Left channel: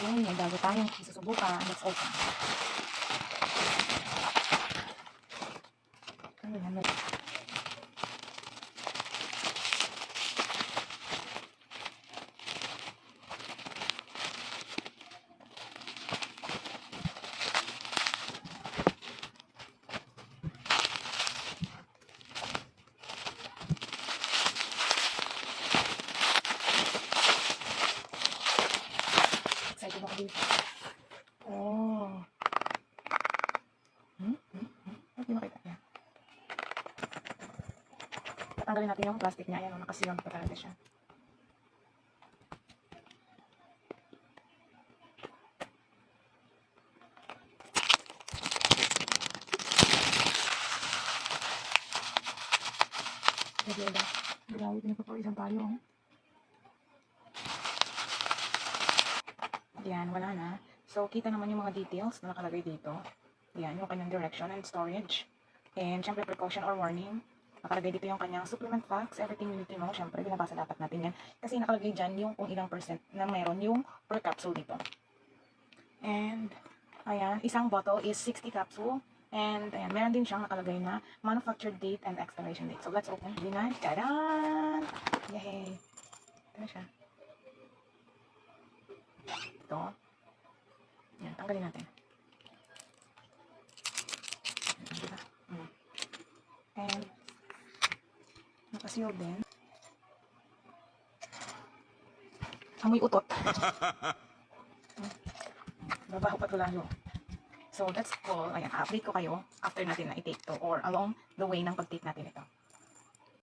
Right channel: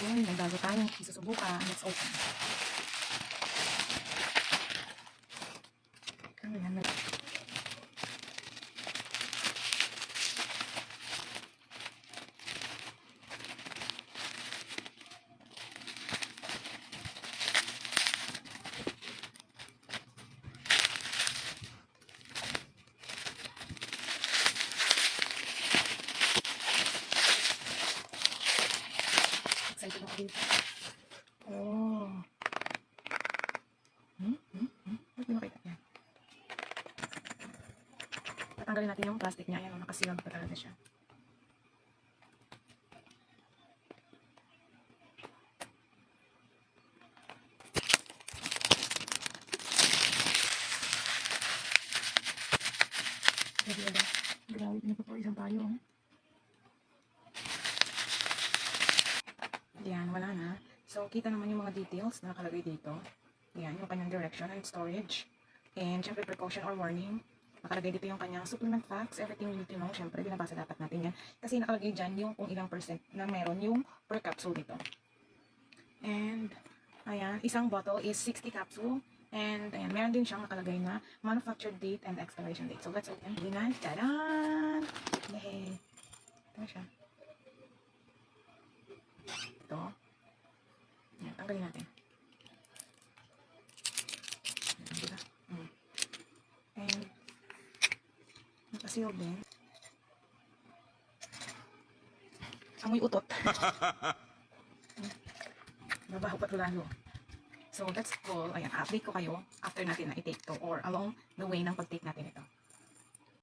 Ayun, may bago tayong isusubukan. Let's open. Ano yan? Excited ako dito. Oh. Hindi makita niya. Tatanggalin natin yung plastic niya. Ayan, makasilang pa talaga siya. Grabe, grabe, pinapapawisan tayo. Ayan, wala na. So, kita naman yung mga details na nakalagay dito. Ayan, yung kanyang direction and storage. And, syempre, precaution or warning. Nakalagay dito yung kanyang supplement facts, everything you need to know. Syempre, binabasa dapat natin yan. Kasi nakalagay dyan yung kung ilang percent na meron yung per capsule dito. And, ayan, isang bottle is 60 capsule. And, ayan, meron din siyang nakalagay na manufactured date and expiration date. So, let's open. Binan. Tadaan! Yay! Ito siya. Ito. Ayan, tanggalin natin. Diba? And, nakaseal din. Amoy utot. Babaho pa ito lalo. So, that's all. Ayan, update ko kayo after natin na i-take to or along the way ng pag-take natin ito.